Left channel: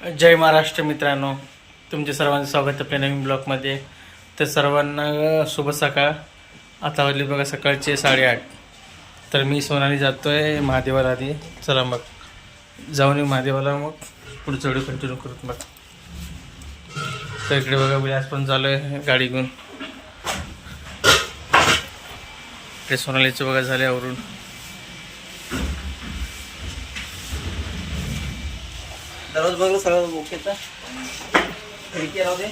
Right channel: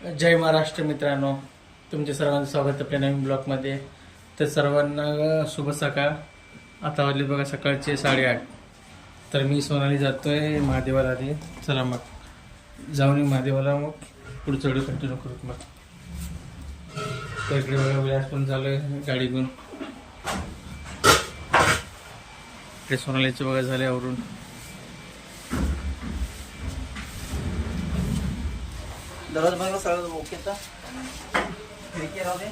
जय महाराष्ट्र मित्रांनो. तुमचे सर्वांचं स्वागत आपल्या नवीन ब्लॉगमध्ये. तर सर्वांना शुभ सकाळ. आता वाजले बघा सकाळचे साडेआठ. तर मी सोनाली जातो आहे महादेवाला आधी. चला मग. जाऊन येऊ महादेवाला मग. पुढचं व्हिडिओ कंटिन्यू करू मग तर इकडे बघा विलास पण चालू आहे गाडी घेऊन. इकडे सोनालीचं बघा झाले आवरून. दररोज बघलं सगळं ओके तर खिडकी राहू दे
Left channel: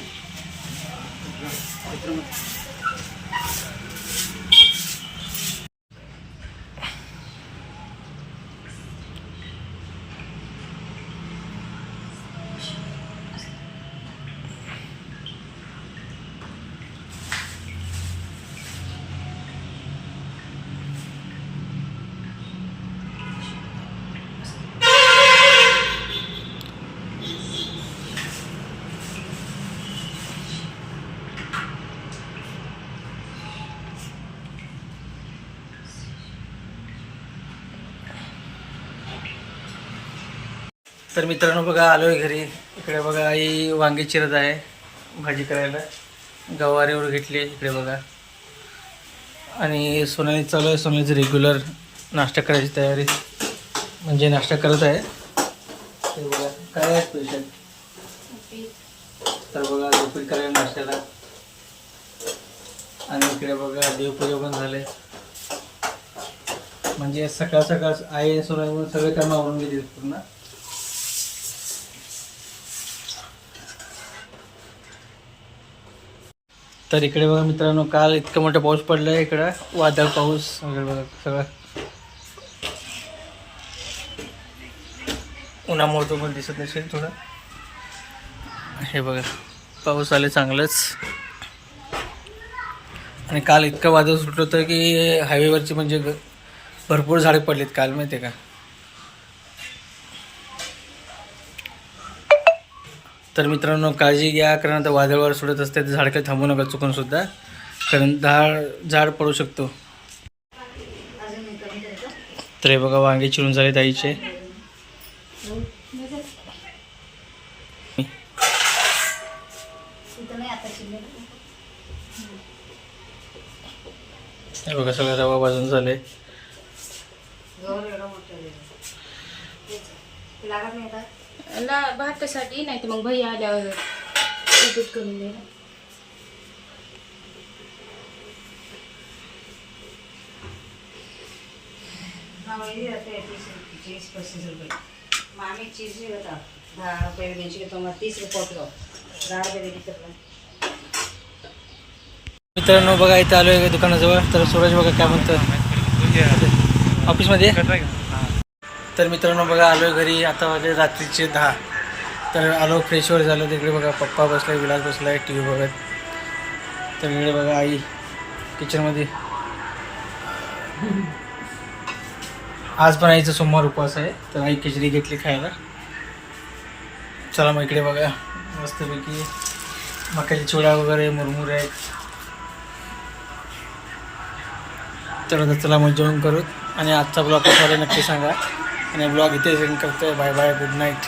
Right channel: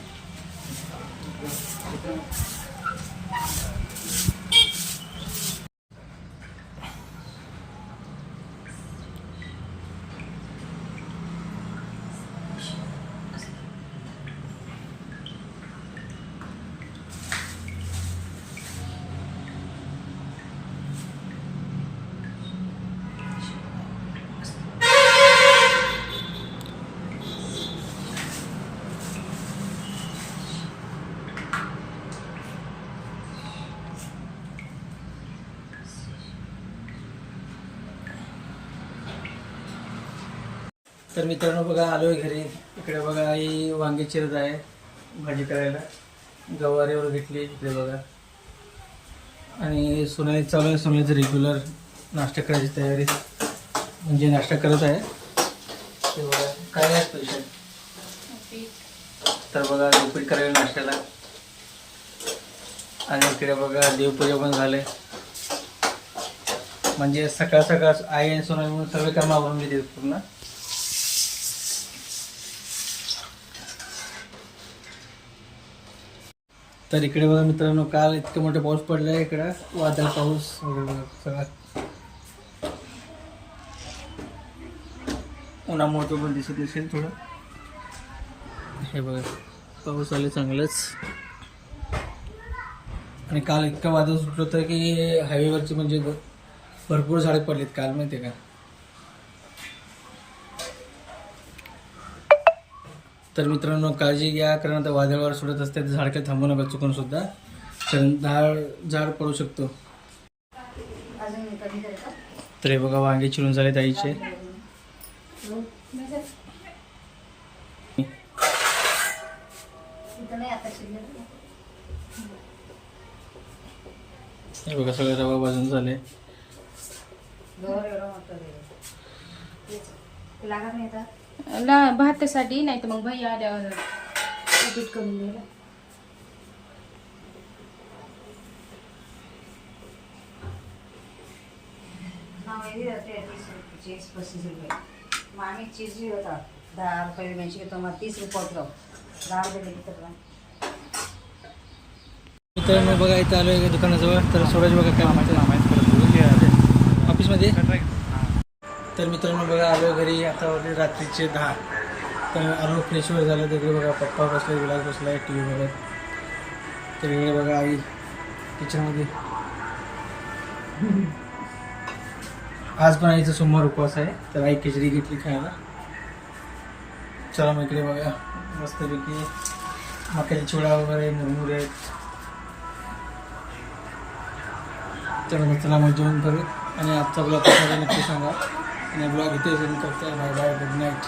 तर मित्रांनो बघा आलो आहे घरी. इकडे बघा आई वांगी चिरत आहे भाजी करायला. गवारीवर घेतली इकडे बघा. आणि सोनाली चालू आहे सोनालीचं रेग्युलर नाश्ता करायची तयारी. म्हणजे नाश्ता करत आहे. ते बघा काय आहे स्पेशल तर बघा उपीट करायला नाश्त्याला. आणि इकडे बघा देवपूजा पण झाले म्हणजे सकाळ सकाळ आई सोनाली म्हणून सगळे काम आवरून घेते पूर्ण. तर इकडे बघा मित्रांनो काल इतकं मोठा पाऊस पडला आहे इकडं. वादळ पाऊस वगैरे बघा सगळं. उन्हामुळे तो पण दिसत नसेल थोडं. हे बघा पाऊस आले चांगलंच. आणि काल इतकं वादळ सुटलं होतं की हायवेवरची म्हणजे ग- भरपूर झाडे पडलीत काल माहिती आहे का? तर मित्रांनो काळजी घ्या कारण आता वादळवार सोडत असते तर झाड काही थांबू नका चुकून सुद्धा. कारण झाड झाड पडू शकतो. तर हे बघा वांगे चिरून झाले ताईचे हे बघा सगळं रवा भाजून झाले. ना भातासाठी नाही तर मग भाई आल्यावर उपीट करून दिलं मामी चीज भी होता दहा रुपये घ्यायची घेतो मग तीस रुपये किलो. दहा रुपये दिली तर मित्रांनो बघा इथं आलो आहे दुकानाजवळ. तर सूरज बघा काय म्हणतं ऑफिसमध्ये तर मित्रांनो बघा आलो घरी. आता वाजले रात्रीचे दहा. तर आलो फ्रेशवर झालं. तिकडे बघा पप्पा बसला विलास आहे टी व्ही बघत. तर इकडे बघा आई किचनमध्ये आज पण आईचा सोमवार उपवास आहे. तर आई खिचडी घेतली खायला. चला मग इकडे बघा. मस्तपैकी मक्याच्या चिवडा वगैरे मुरमुरे आहेत. तर चला मग जेवण करू. आणि आजचा ब्लॉग कसा नक्की सांगा. आणि ब्लॉग इथे सेंड करतोय बाय बाय गुड नाईट